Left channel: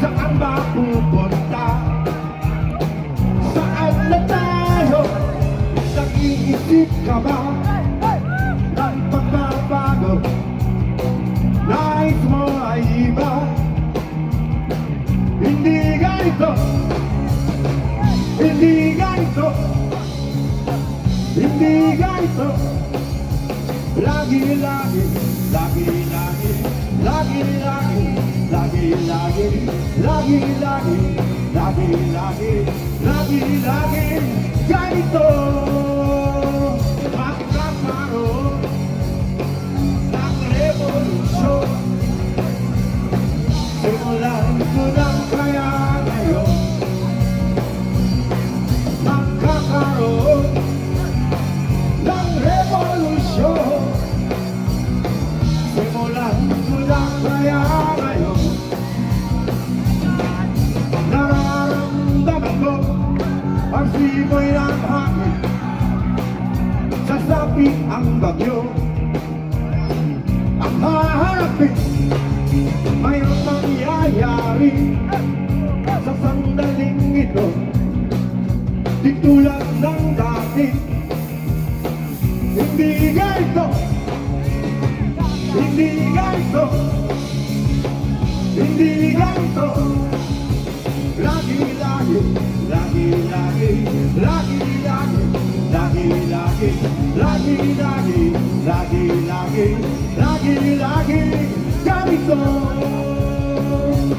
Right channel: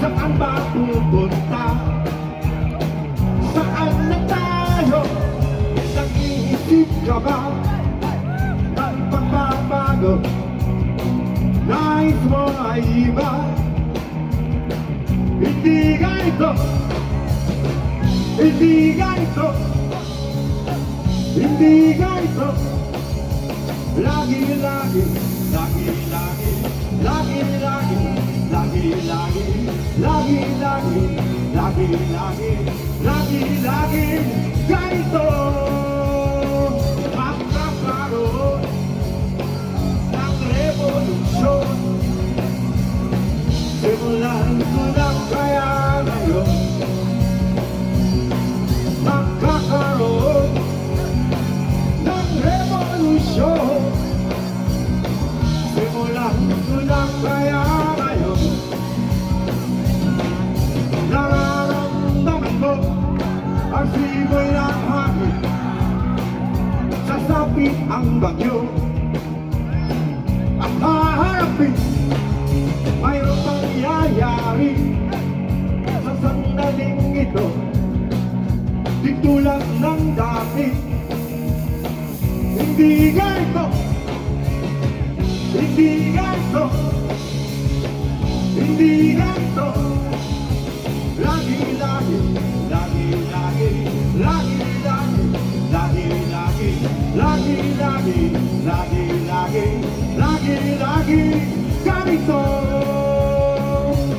Saan ba pupunta? Saan na tayo? Nag-iisip ka ba ng pagbabago? Nais mo ay iba? Hindi ganito, hindi ganito, hindi ganito. Lagi, lagi, lagi, lagi, lagi, lagi, lagi, lagi, lagi, lagi, lagi, lagi, lagi, lagi, ganito. Magkakaroon ng revolusyon. Simulan ko lang kaya ngayon. Magkakaroon ng revolusyon. Simulan ko lang kaya ngayon. Nararamdaman ko ang simoy ng hangin. Sasapit ang bagyo. Ang haharapin mayroong mangyayari sa sandaling ito. Di tulad ng dati. Hindi ganito, hindi ganito, hindi ganito. Lagi, lagi, lagi, lagi, lagi, lagi, lagi, lagi, lagi, lagi, lagi, lagi, lagi, lagi, ganito.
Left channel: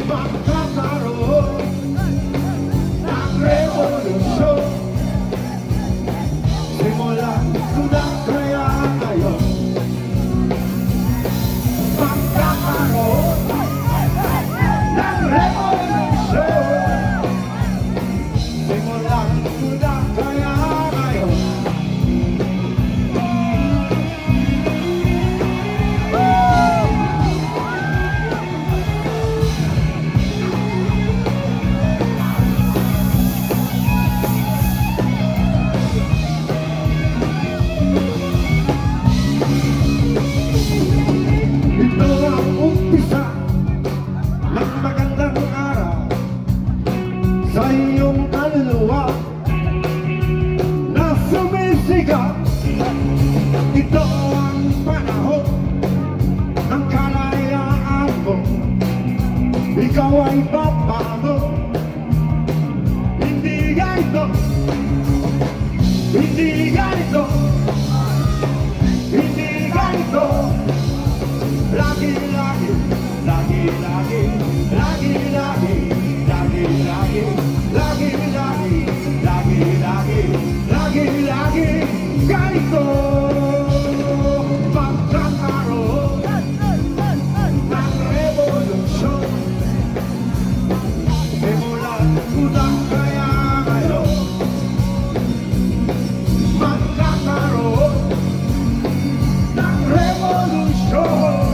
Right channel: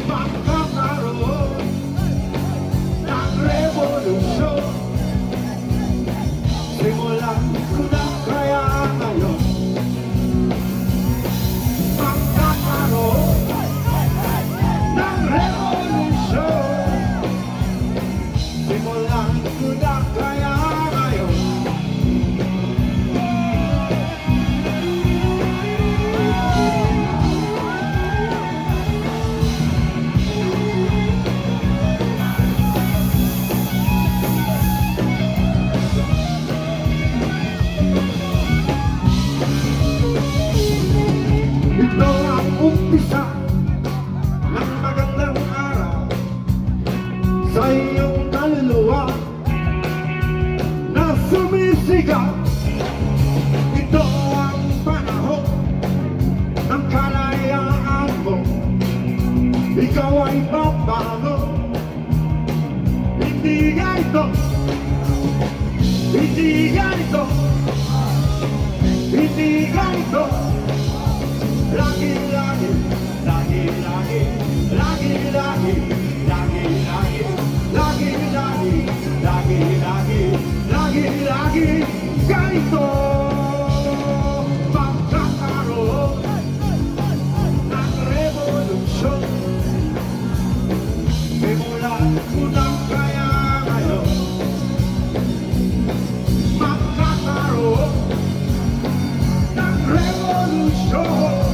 Magkakaroon ng revolusyon. Simulan ko na kaya ngayon. Magkakaroon ng revolusyon. Simulan ko na kaya ngayon. Ito ang umpisa ng magandang araw sa iyong kaluluwa na sumisigaw. Ito ang panahon ng kalayaan mo. Ikaw ay papago. Hindi ganito, hindi ganito, hindi ganito. Lagi, lagi, lagi, lagi, lagi, lagi, lagi, lagi, lagi, lagi, lagi, lagi, lagi, lagi, ganito. Magkakaroon ng revolusyon. Simulan ko na kaya ngayon. Magkakaroon ng revolusyon.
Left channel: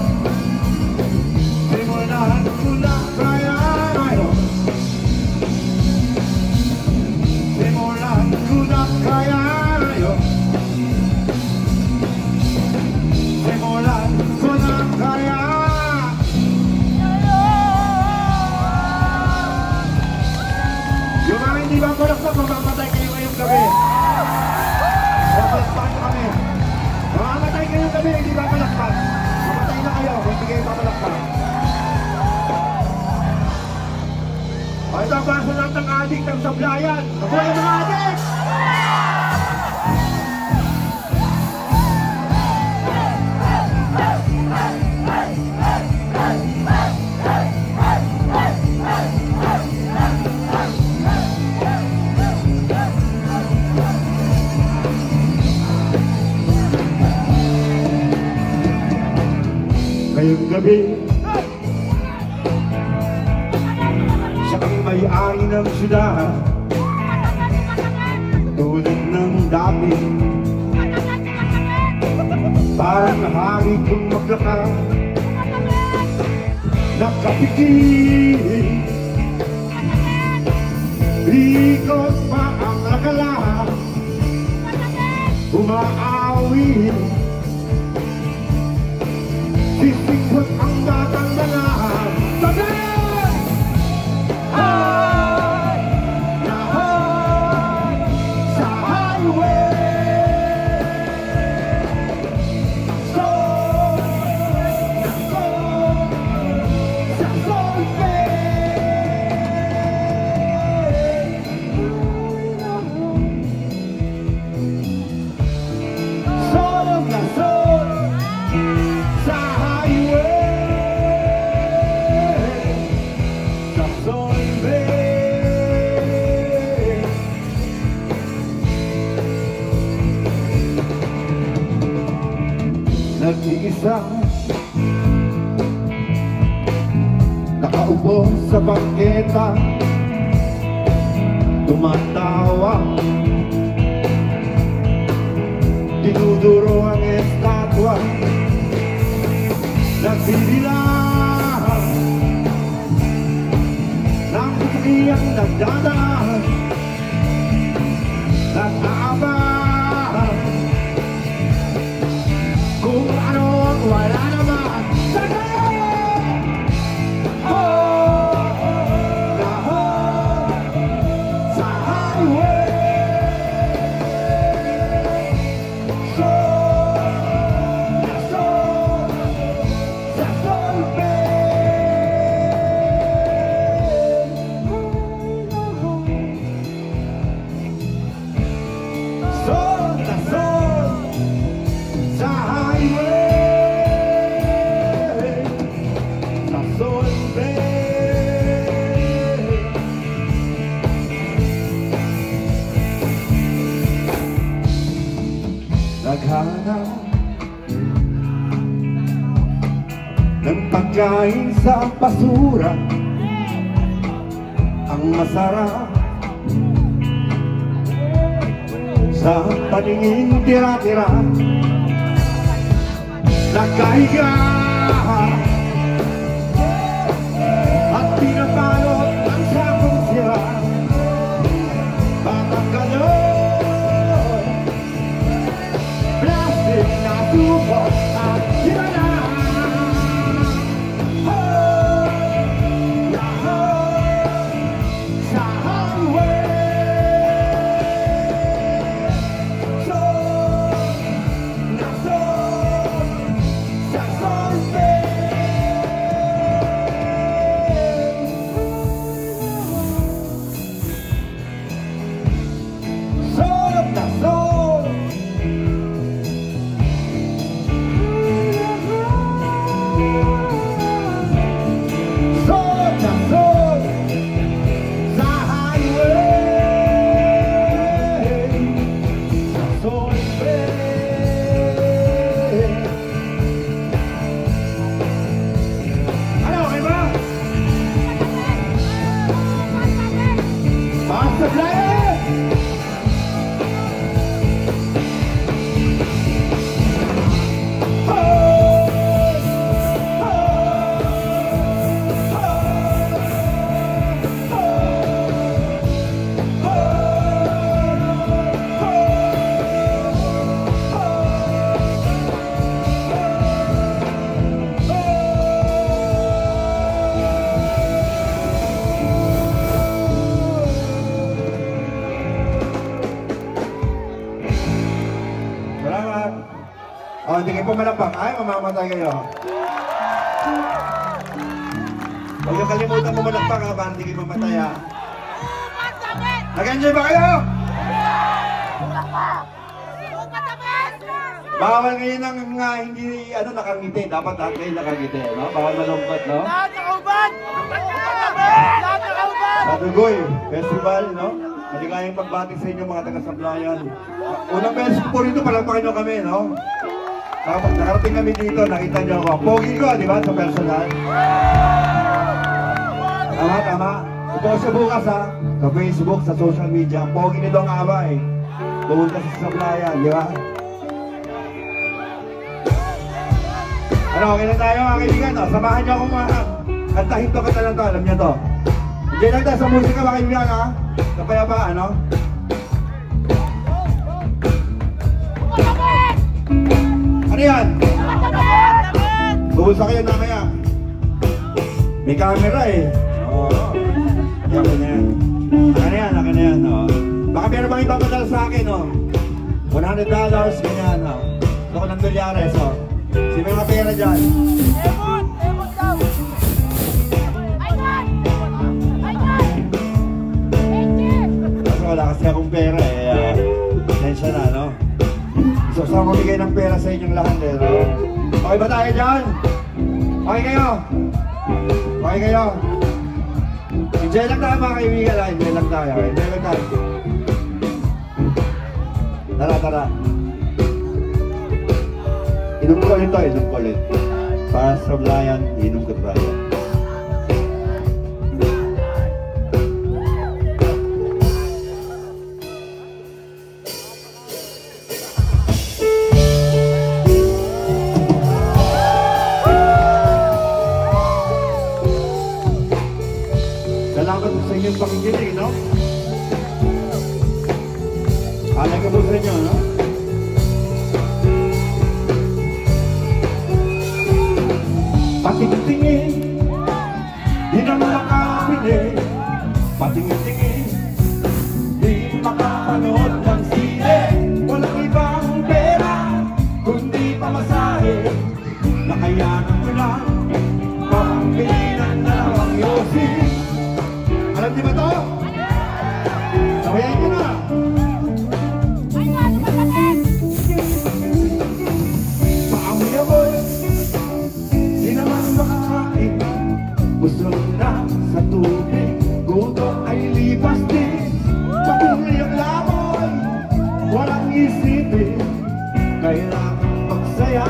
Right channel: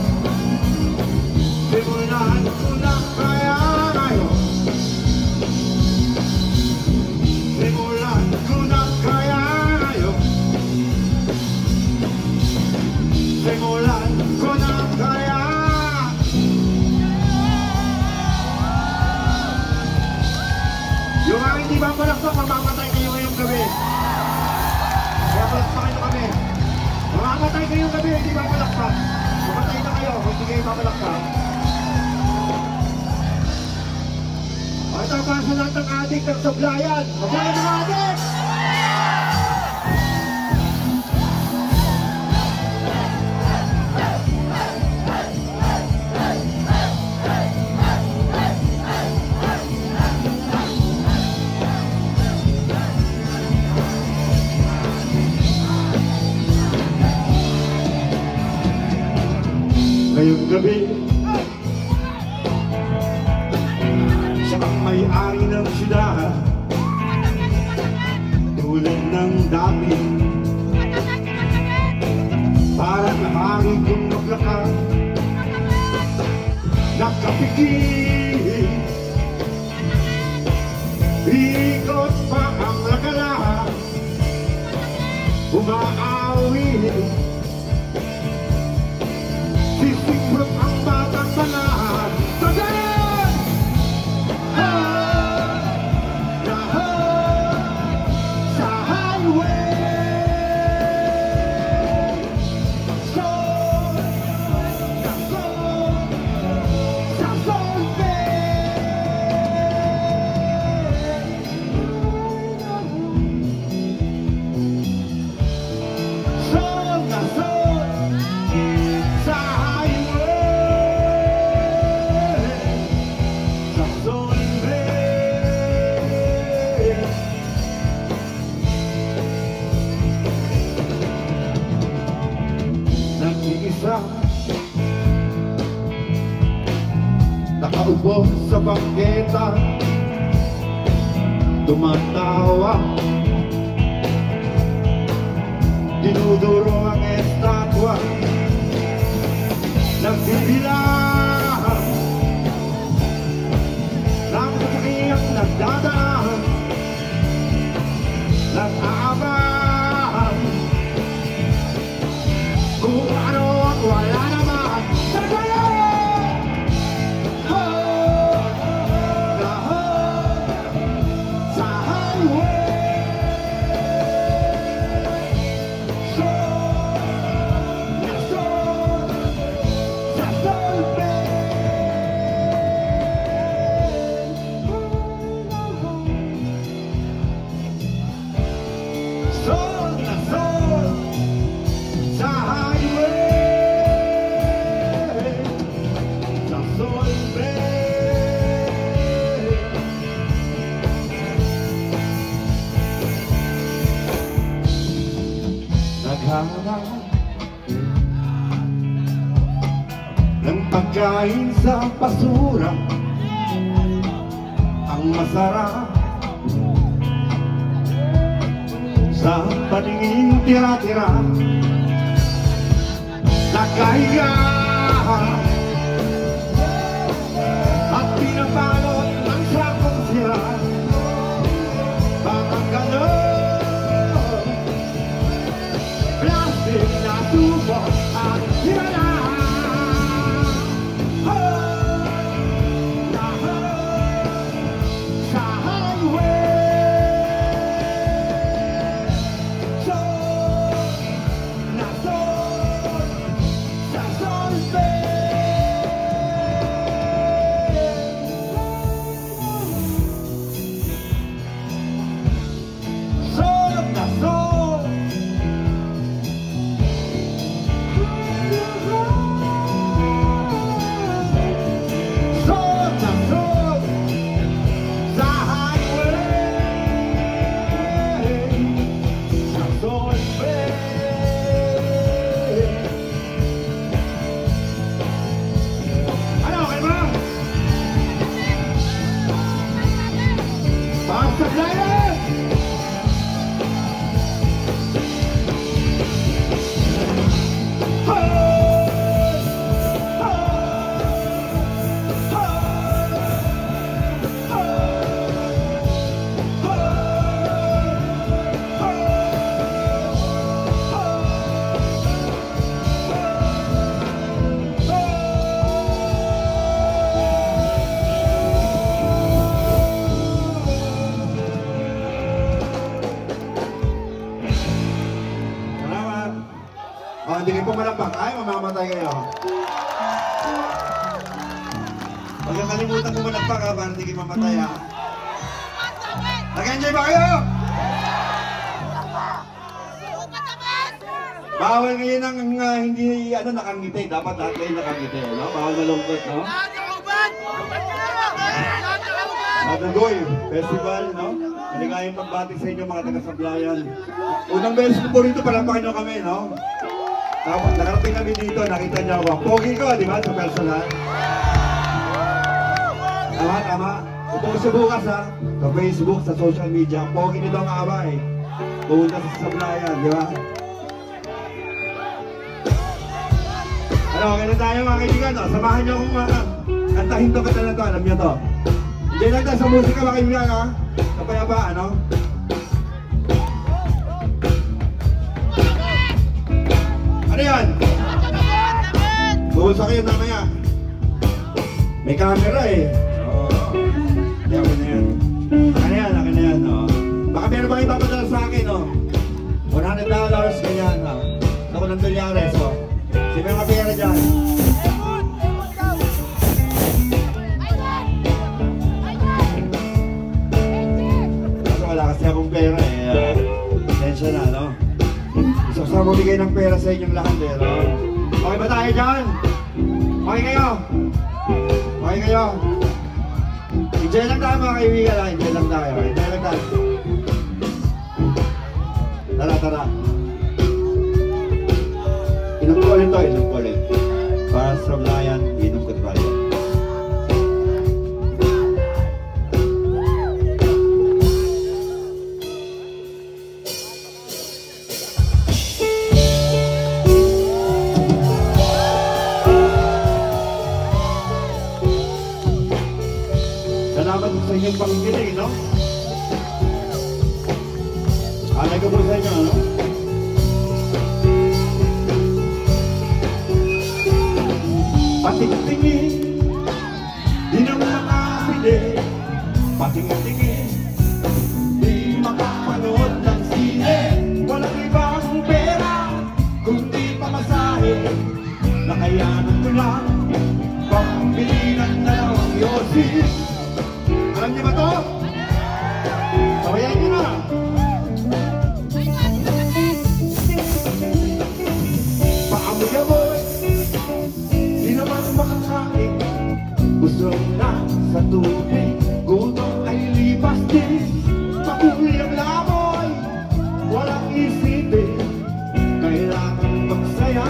Simulan ko na kaya ngayon. Simulan ko na kaya ngayon. Simulan ko na kaya. Yung mga hindi mapalakpak, mamamatay kayo ngayong gabi. Mapalakpakan na kami. Mamamatay kayong gabi, hindi mapalakpak. Mamatay na kayo kung hindi kayo mapalakpak. O ito ang basunat ng adik ng sablayan. Mabuhay mga adik! Ngayong gabi, sa may-ari ng syudad, tulad ng dami, parang nahari kong maglakad, nakapikit, ikot pa ang lagalahan, umaawi. Sisikot ang batang mga tagalan. bangketa, tumatawa, dinuduro ang estatwa, nagbibilang ng sasakiyang nagdadaan, nag-aabang kung ano ang wala naman. Sa highway, ng pagkain sa basura, ang masarap sa paningin tira-tira, nagkahiga at pinapalot ng sakong siya, bakang ganon, plastic na tubo at hirana. Oh, hindi kayo pumalakpak. Ay, mamamatay kayo. Huwag yung kalimutan pumalakpak ha, para hindi kayo mamatay ha. Nag-enjoy ba kayo? Bawal ngayon ang hindi nakangiti. Dapat lahat kayo nakangiti. No? Bawal malungkot, no? Lahat nakauban! Lahat nakauban! Madugoy Festival, no? Maligayang pagbati sa inyo mga taga-Sablayan. Unang beses ko po rito, palampakin nyo kami, no? Tapos nakarating kami dito, nakita niyo ako. Pogi ko, di ba, sa personal? Tama. Suppose sa bukas, ha? Sa Facebook, sa social media. Pogi nito ang awa, eh. Pumunta sa Sablayan, di ba? Ano, okay na tayo, mga kaibigan, no? Samahan niyo akong mga kantahin to, kanta na to, alam niyo to. Diyan lang tayo sa musika, mga kaibigan, ha? Sa payapaan, no? Ano yan? Tungkol sa kayo na kaya? May camera eh. Oo. Akin na yan. Akin na yan, no? Baka meron ba kayo tapadala sa akin, no? $100, ganyan, no? Ito ko ng $2, so. Sino yung pera dyan? Kasi wala kasi akong pera eh. Tensya na, no? Gusto ko sa bigay ng pera sa inyong lahat eh, no? Okay ba tayo dyan? Okay kayo? Okay kayo? Enjoy lang tayo mga kaibigan, ha? Enjoy lang tayo. Enjoy lang tayo. Tara. Inom ko ulit. Para sa Sablayan, inom ko tayo. Salamat sa inyong pakikinig, no? Alam ko po sa inyo, no? Patingin-tingin, di naman makapili. Patingin-tingin, di makapanood ng sine. Walang ibang pera, kundi pamasahe. Nakayanan mo lang, pambili ng dalawang yosin. Alam di ba to? Sabayan nyo na. Paamoy-amoy, di naman makakain. Gusto lang sa tubig, gutom ay lipas din. Matumli ang lamoy, walang isipin. Kailangan magsaya,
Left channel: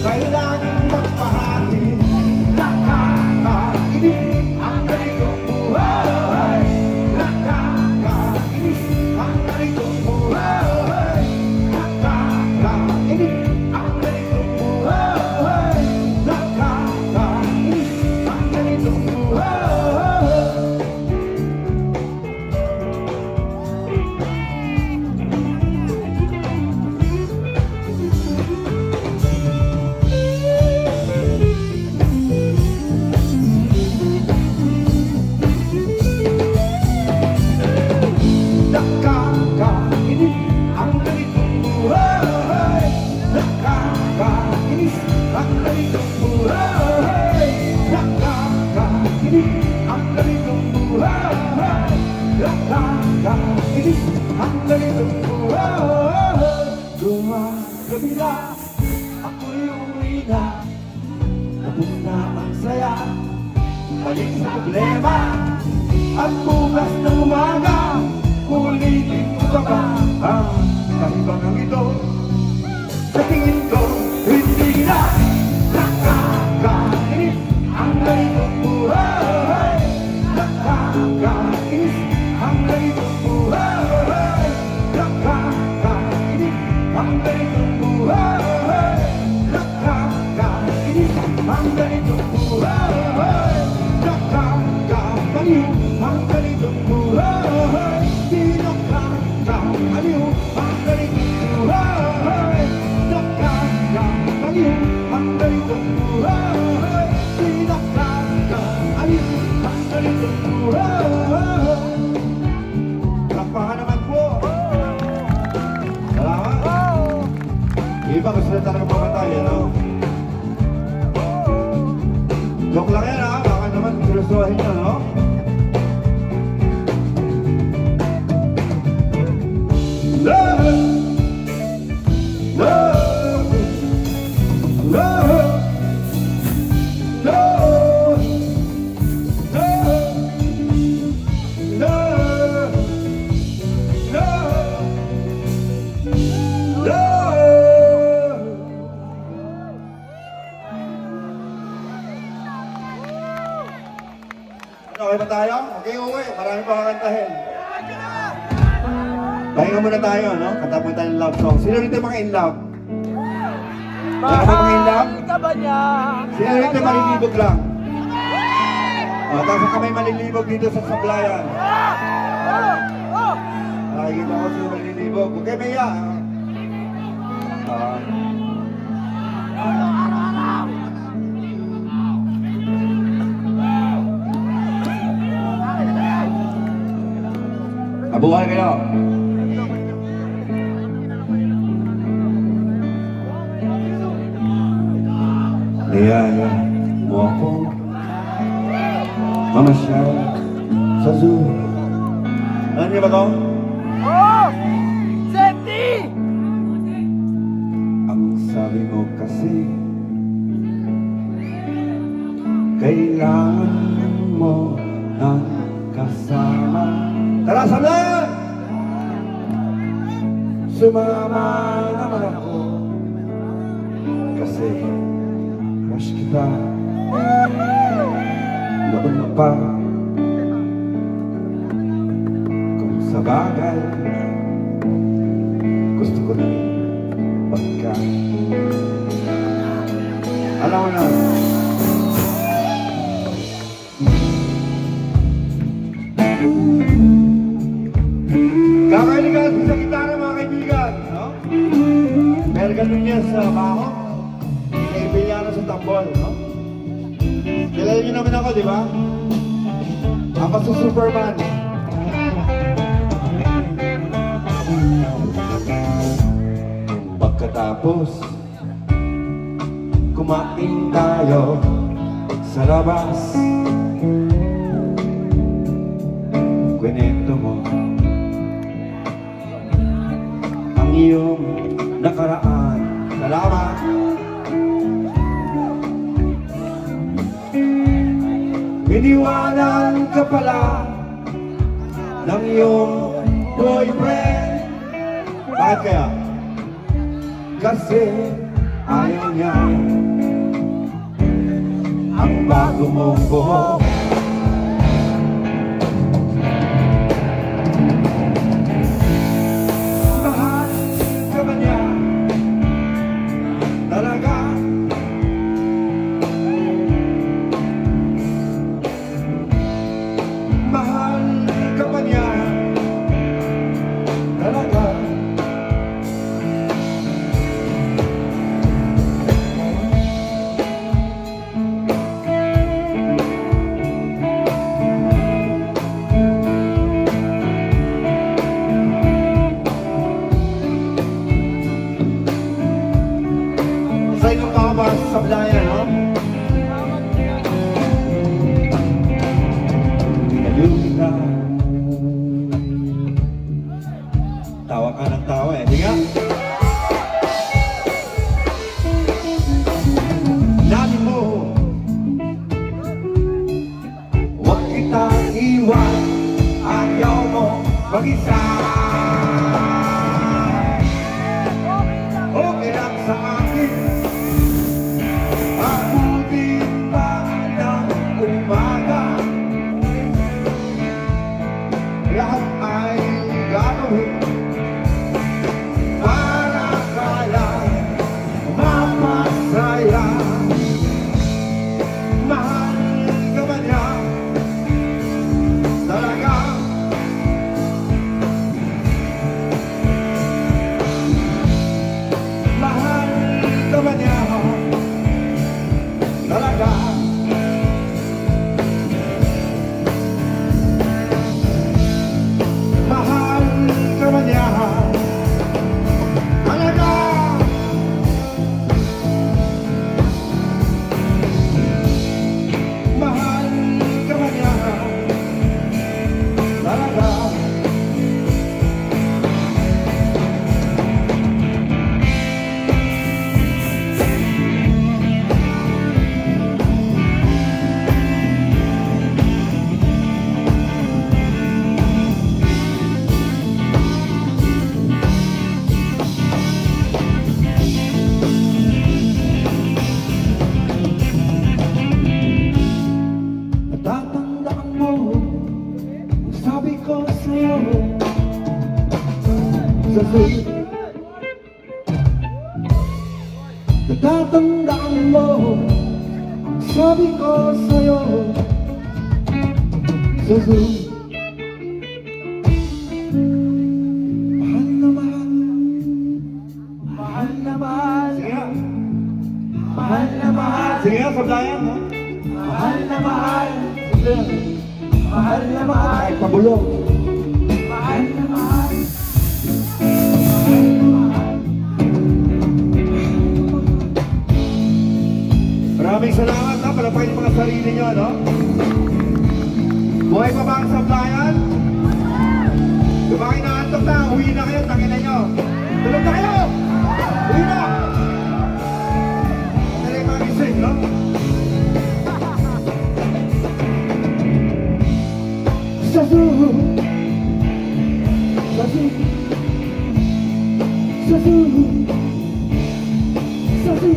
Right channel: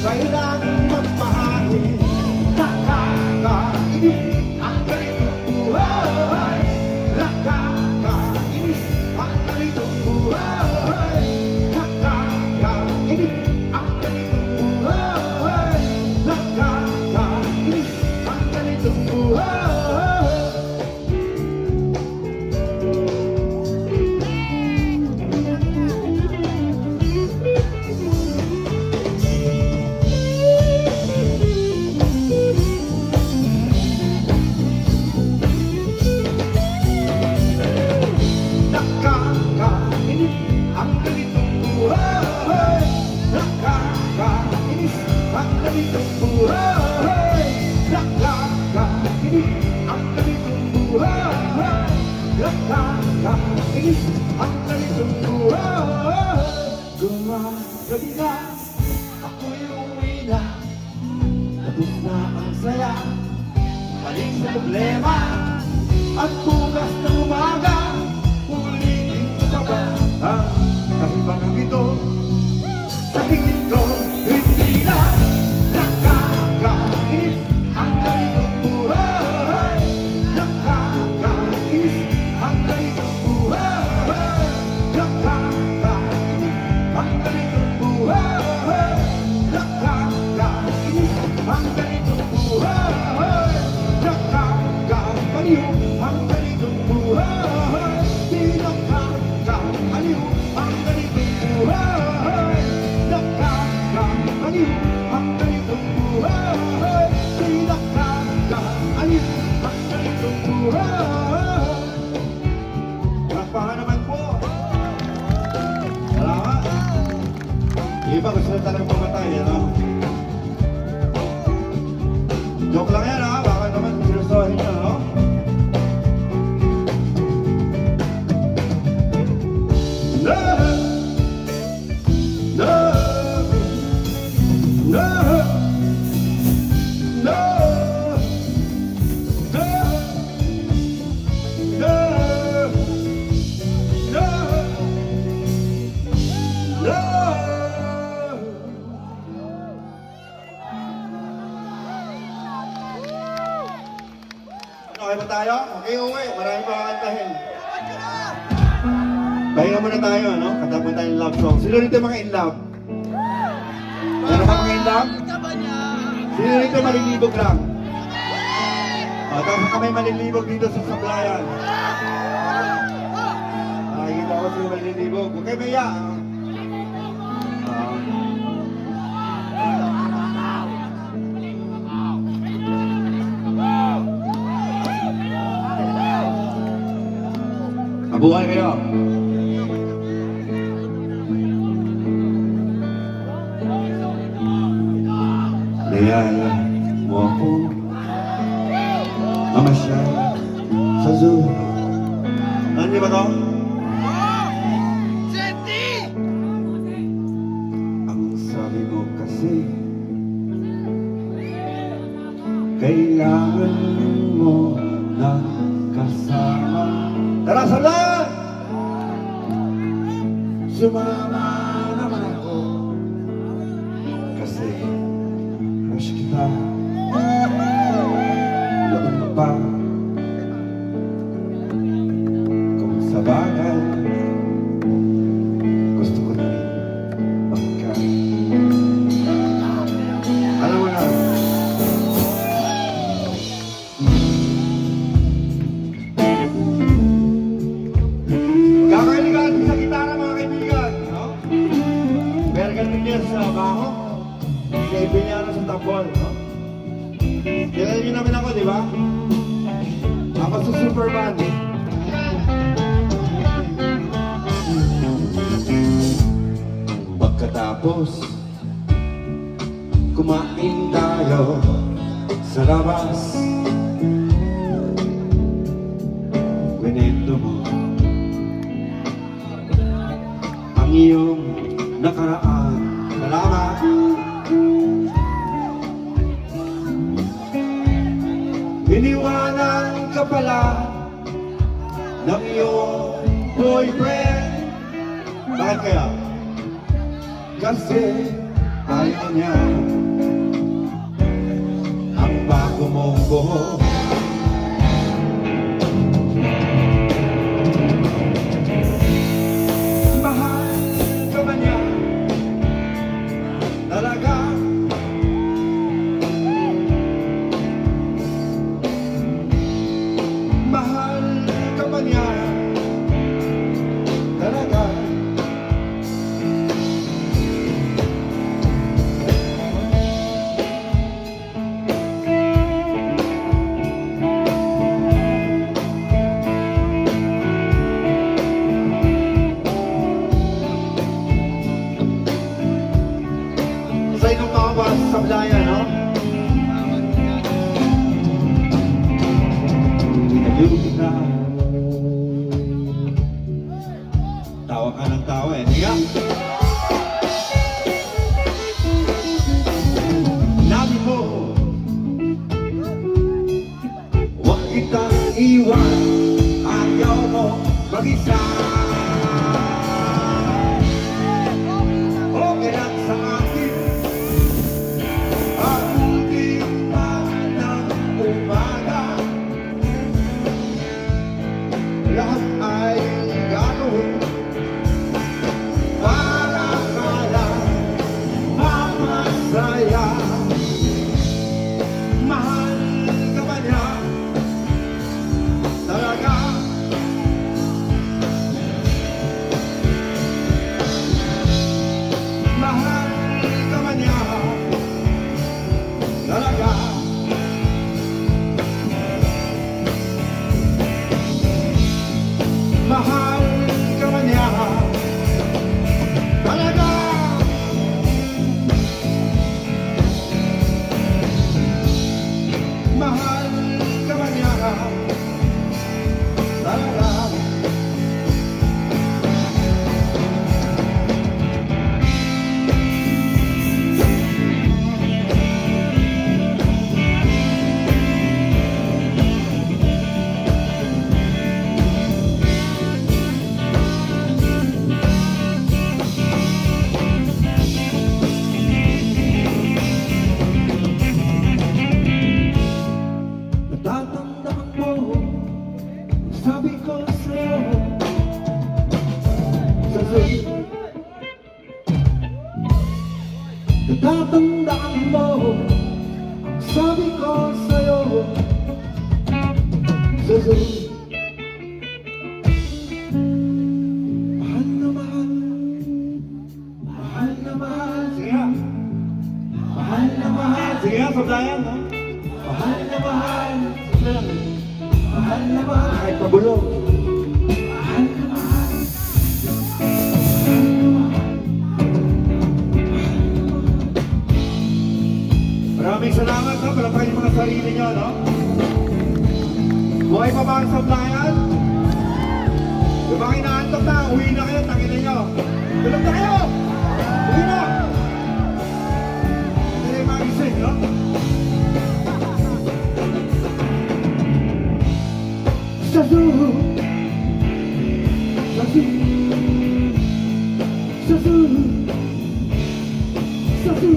kailangan magpahagi. Nakakainis ang ganitong buhay. Nakakainis ang ganitong buhay. Nakakainis ang ganitong buhay. Nakakainis ang ganitong buhay. Balik sa problema at bukas na umaga ulitin ko ba ang kahibangang ito? Sa tingin ko hindi na nakakainis ang ganitong buhay. Nakakainis ang ganitong buhay. Nakakainis ang ganitong buhay. Nakakainis ang ganitong buhay. Nakakaliw ang ganitong buhay. Di nakakaliw ang ganitong buhay. Nakakaliw ang ganitong buhay. Di nakakaliw ang ganitong buhay. Tapahan naman po. Salamat. Iba gusto na talagang pamatay, no? Joke lang yan, ha? Baka naman sinusohin nyo, no? Okay ba tayo? Okay, uwi. Marami pa kakantahin. Pahinga muna tayo, no? Kanta po tayo ng love song. Sino rito mga in love? Sino ba mga in love? Sino rito malilibog lang? Tapos kami malilibog dito sa sablayan. Nakikita ko sino malilibog. Okay, Maya. Abuhan kayo. Niyaya mo ako mamasyal sa zoo. Alam niyo ba ito? Oh! Seti! Ang sabi mo kasi kailangan mo na kasama. Tara sa lahat! Sumama naman ako kasi crush kita noon pa. Kung sa bagay gusto ko na pagka alam mo na si Superman. Pagkatapos kumain tayo sa labas, kwento mo ang iyong nakaraan. Salamat. Iniwanan ka pala ng iyong boyfriend. Bakit kaya? Kasi ayaw niya ang bago mong buhok. Mahal ka ba niya? Talaga? Mahal ka ba niya? Talaga? Sa inyong mga basa sa Blayan, no? Pinayusin na. Tawa ka ng tawa, eh. Di nga? Nabi mo, huwag kitang iwan, ayaw mo mag-isa. Okay lang sa akin, abutin pa ng umaga. Lahat ay gagawin para ka lang mapasaya. Mahal ka ba niya? Talaga? Mahal ka ba niya? Talaga? Mahal ka ba niya? Talaga? Mahal ka ba niya? Talaga? Tatandaan mo, sabi ko sa'yo, sa sulit. Tatandaan mo, sabi ko sa'yo, sa sulit. Mahal na mahal, mahal na mahal. Sige nga. Mahal na mahal. Sige nga, sabdayan, ha? Mahal na mahal. Sige. Mahal na mahal. Kahit pabulong. Mahal na mahal. Mahal na mahal. Maraming salamat, ha? Palapakin yung mga sarili niyo, no? Buhay pa ba ang sabdayan? Yung mga inaantok na, uwi na kayo, tangin na nyo. Tulog na kayo! Uwi na! Hindi na yung mga gising, no? Sasu, sasu, sasu, sasu, sasu,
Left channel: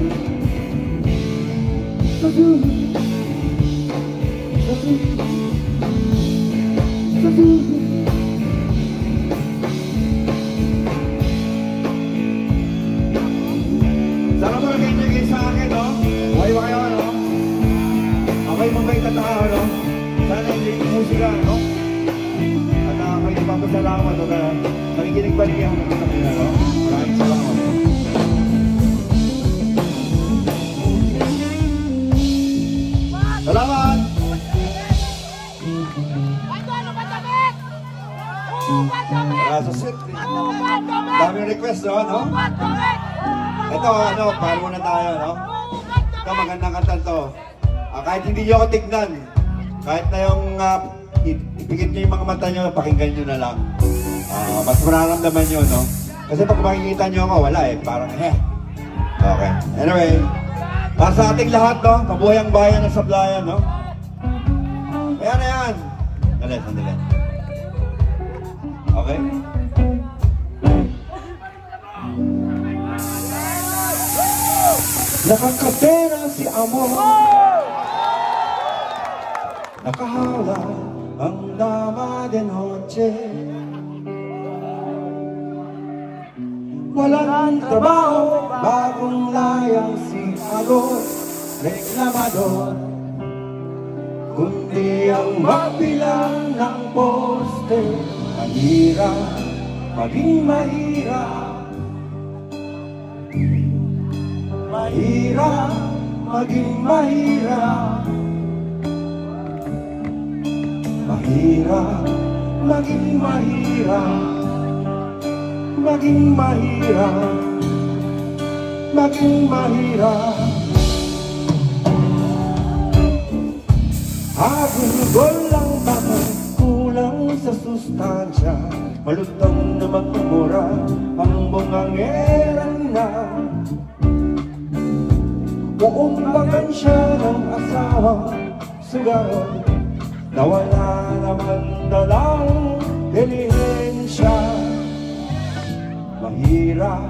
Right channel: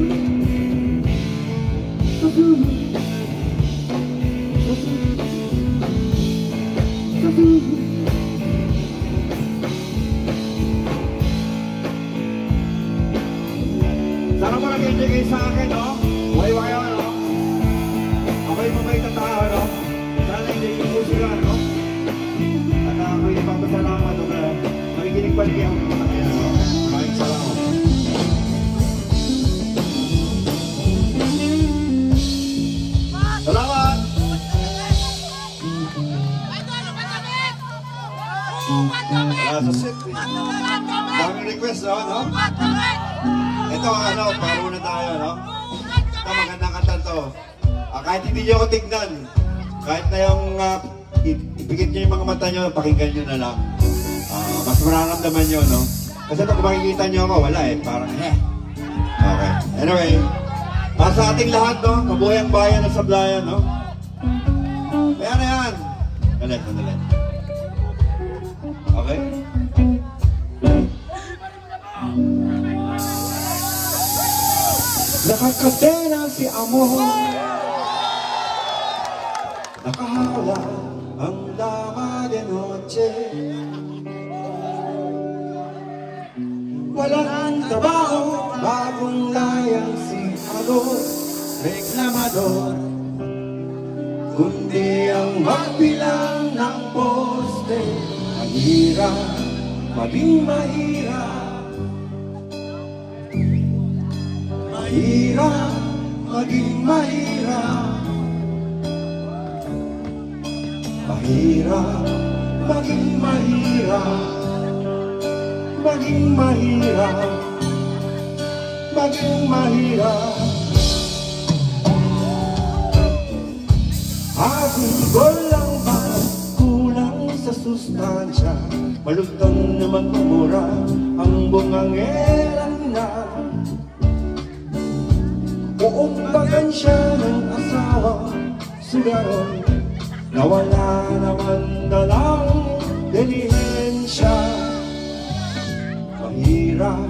sasu, sasu. Sana mo nag-enjoy kayo sa akin, no? Wali ba kayo, no? Ako'y mabait at tao, no? Sana hindi ko musika, no? At ako'y napapasalamat at nakikinig pa rin kayo ng mga kanina, no? Maraming salamat. Salamat! Wala sa set. Daming request, no? Ito, ano, para muna tayo, no? Ito, magandang kanta to. Kahit hindi niyo ako tignan, kahit na yung ipikit niyo yung mga mata niyo, pakinggan niyo na lang. Mas mararamdaman niyo, no? Kasi pag makikita niyo ako, wala eh. Parang, Okay. Anyway, para sa ating lahat, no? Mabuhay ang bayan ng Sablayan, no? Ayan na yan. Sandali. Okay? Nakakatena si amor, nakahala ang lama de noche. Walang trabaho, bagong layang si Alor, reklamador, kundi ang magbilang ng poste. Mahirap, maging mahirap, mahirap, maging mahirap, mahirap, maging mahirap, maging mahirap, maging mahirap. Agulgol ang bango, kulang sa sustansya, malutong na magmura ang bungangeran na. Uumbagan siya ng asawa, sugaron, nawala naman dalang delihensya. Mahirap,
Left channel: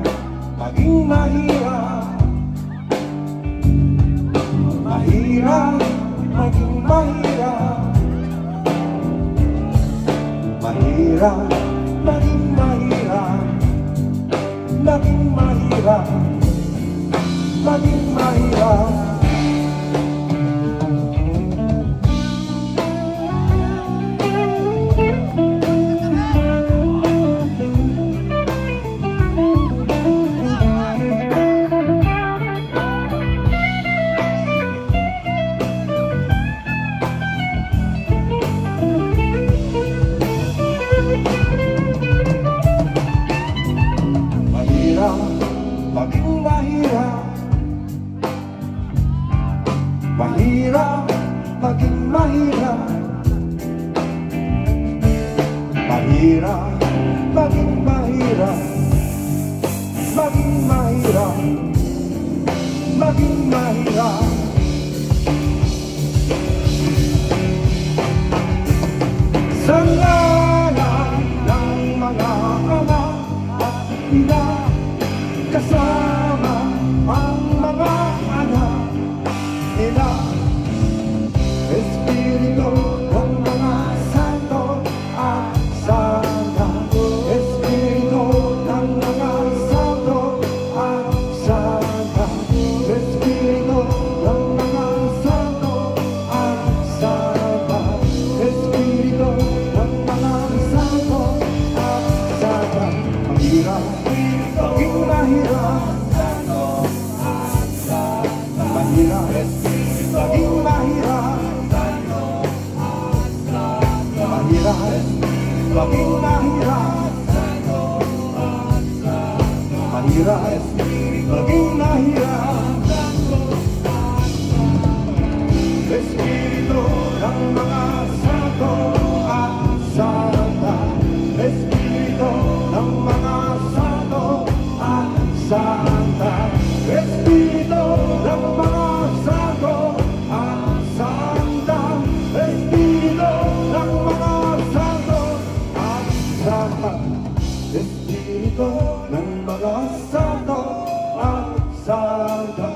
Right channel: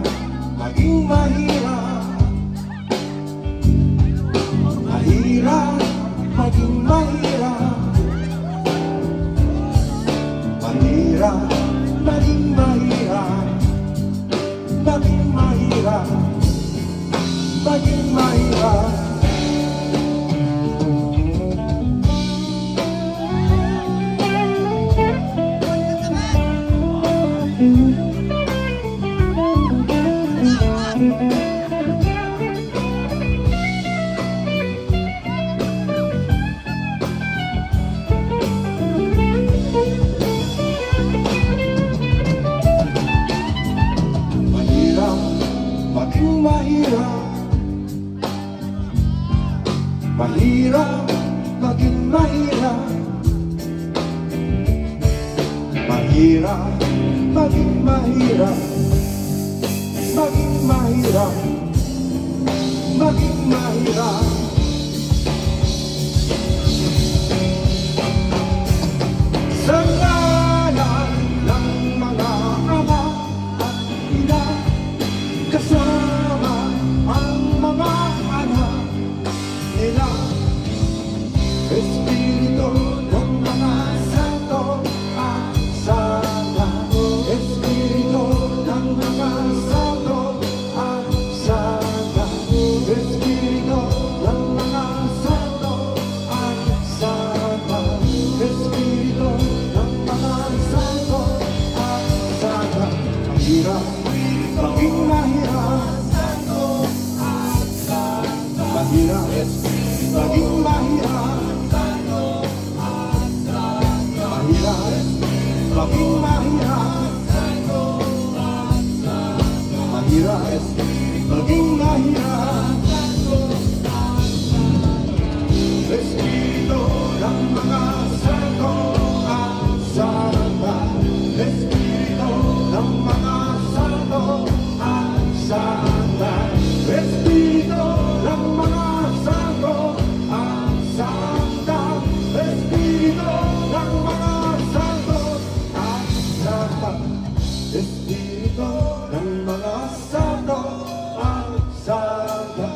maging mahirap, mahirap, maging mahirap, mahirap, maging mahirap, maging mahirap, maging mahirap. Mahirap, maging mahirap, mahirap, maging mahirap, maging mahirap, maging mahirap. Sa ngalan ng mga ama at ina, kasama ang mga anak nila, Espiritu ng mga santo at sana, Espiritu ng mga santo at sana, Espiritu ng mga santo at sana, Espiritu ng mga santo at sana. Mahirap, maging mahirap, mahirap, maging mahirap, mahirap, maging mahirap, mahirap, maging mahirap. Espiritu ng mga santo at sana, Espiritu ng mga santo at sana, Espiritu ng mga santo at sana, Espiritu ng mga santo at sana, Espiritu ng mga santo at sana,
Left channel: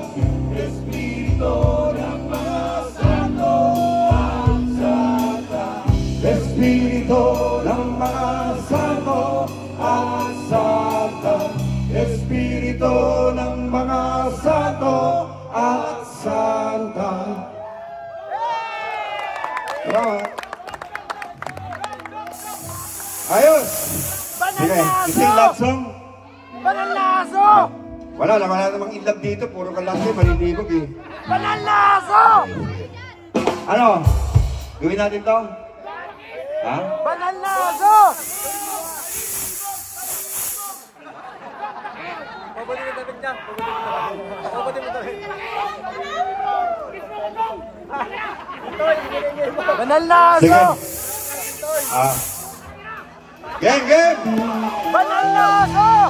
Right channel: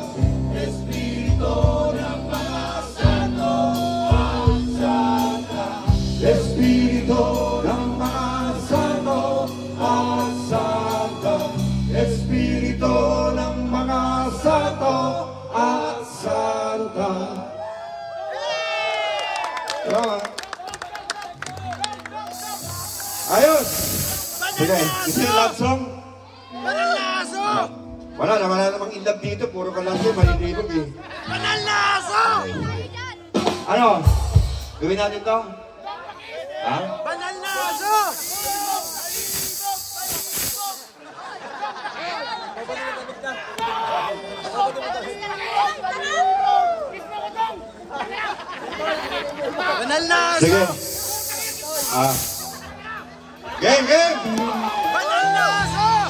Espiritu ng mga santo at sana, Espiritu ng mga santo at sana, Espiritu ng mga santo at santa. Ayos! Sige, isang love song. Panalaso! Wala namang in love dito, puro ka lang siya, malilinog eh. Panalaso! Ano? Gawin natin to? Ha? Panalaso! Banal na Sige. aso! Game, game! Banal na aso!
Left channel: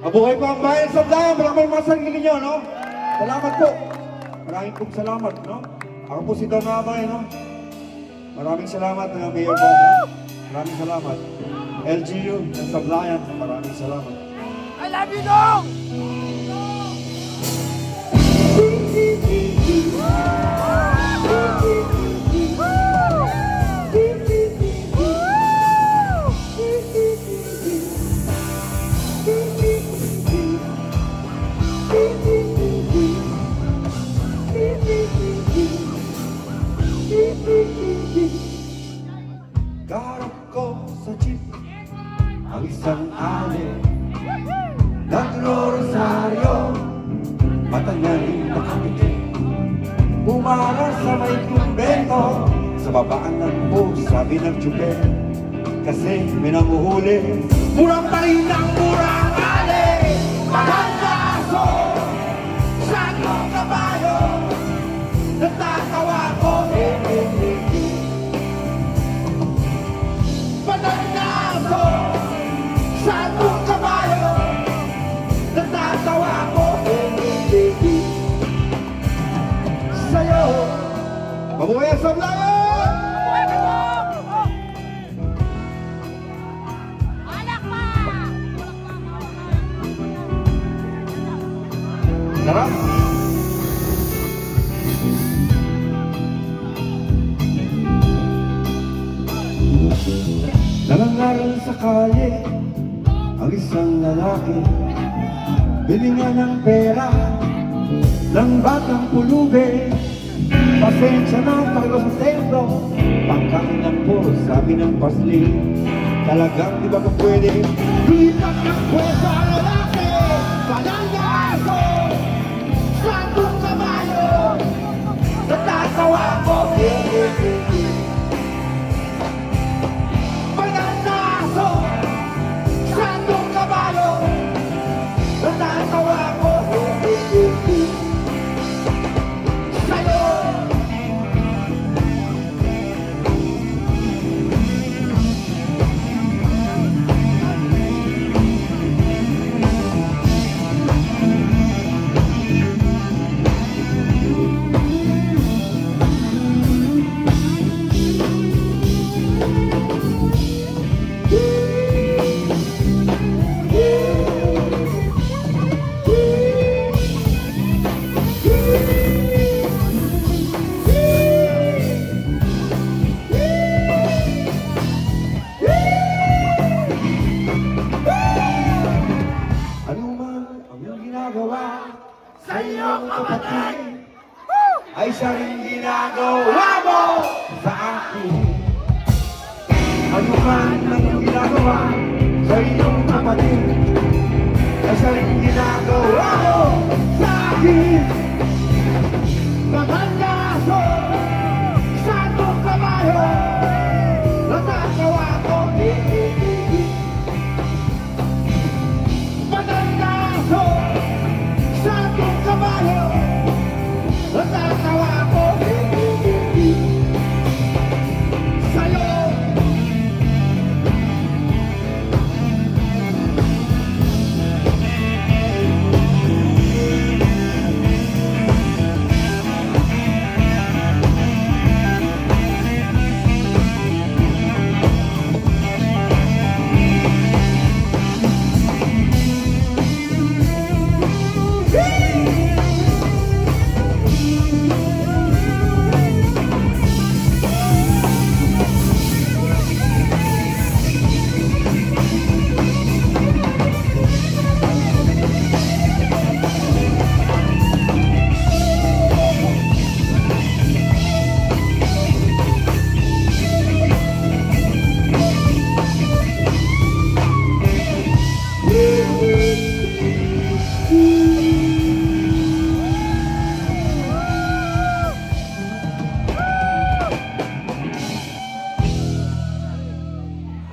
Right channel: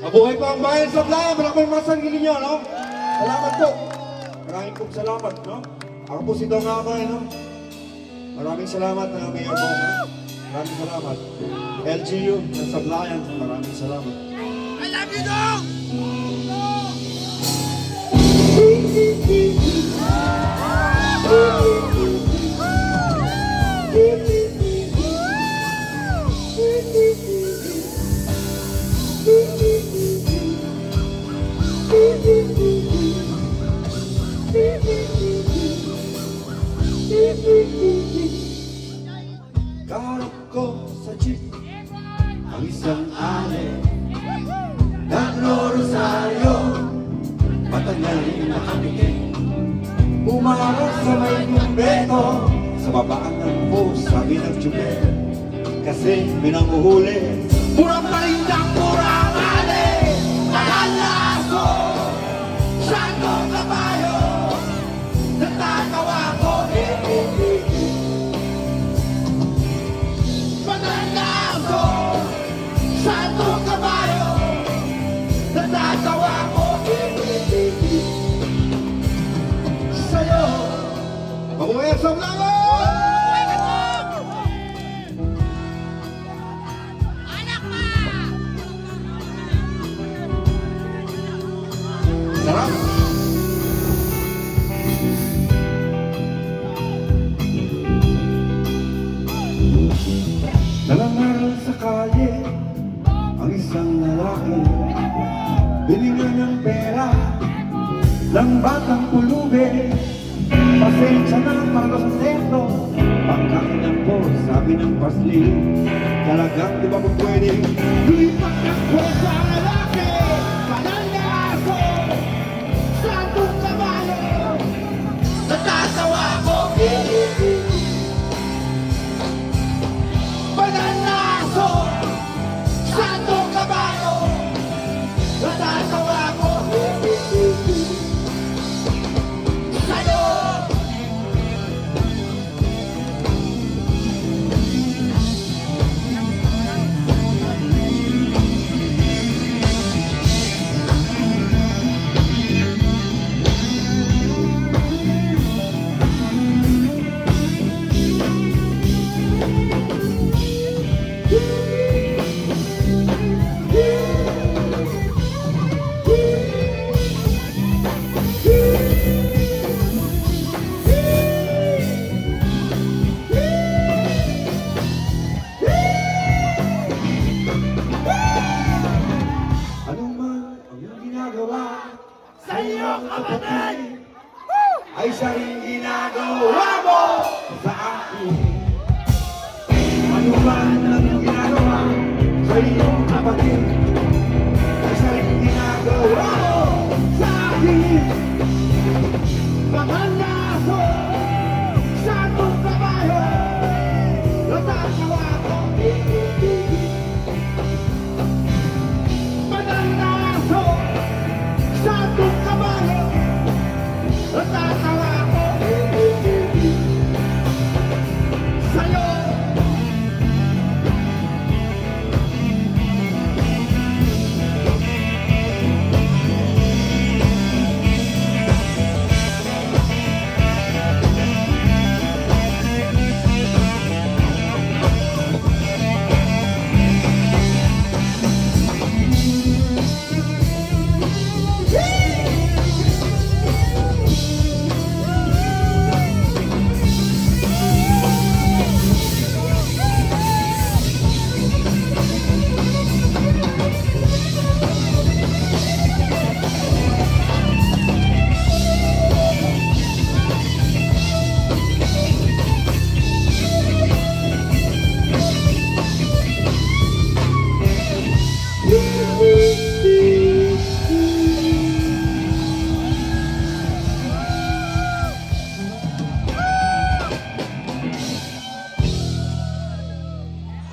Mabuhay po ang bayan sa Bulacan. Maraming pasangin ninyo, no? Salamat po. Maraming pong salamat, no? Ako po si Dong Abay, no? Maraming salamat na Mayor po. Maraming salamat. LGU ng Sablayan, maraming salamat. I love you, Dong! Garap ko sa jeep ang isang ale, nagro-rosaryo, matanyay na kamiti, umarang sa may kumbento, sa babaan ng bus, sabi ng tsuber, kasi pinanguhuli, murang paling ng murang ale, mahal na aso, sandong kabayo, natatawa ko, Mananaso, sandong kabayo, natatawa ko sa'yo. Mabuhay ang Sablayan! Anak pa! Sarap! Nalangaral sa kalye ang isang lalaki, bilingan ng pera ng batang pulubi. Pasensya na pagkasustento, pagkain ng buhos, sabi ng pasli, talagang di ba kung pwede lipat ng buhos sa lalaki, walang aso, sandong kabayo, natatawa ko. Mananaso, sandong kabayo, natatawa ko sa'yo. Ay siya rin ginagawa mo sa akin. Ano man ang ginagawa sa iyong kapatid, ay siya rin ginagawa mo sa akin. Mananaso, sandong kabayo, natatawa ko. Mananaso, sandong kabayo, natatawa ko sa'yo.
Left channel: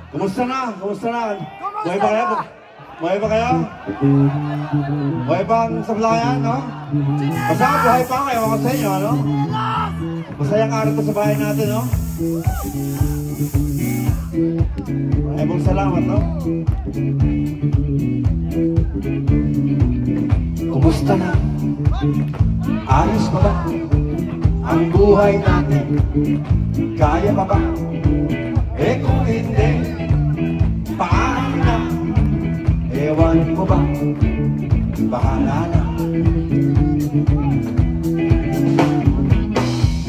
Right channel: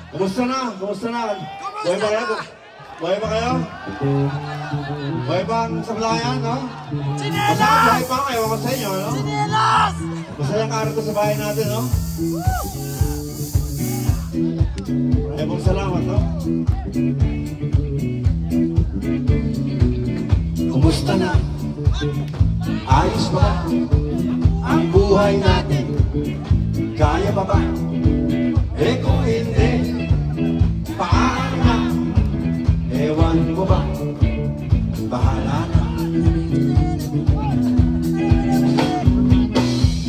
Kumusta na? Kumusta na? Kumusta na? Buhay ba kayo? Buhay ba ang sablayan, no? Chinelas! Basta ang buhay pa nga, ewan ko sa inyo, no? Chinelas! Masayang araw ko sa bahay natin, no? Ay, mong salamat, no? Kumusta na? Ayos ba ang buhay natin? Kaya pa ba? Eh kung hindi, paano na? Ewan mo ba? Bahala na.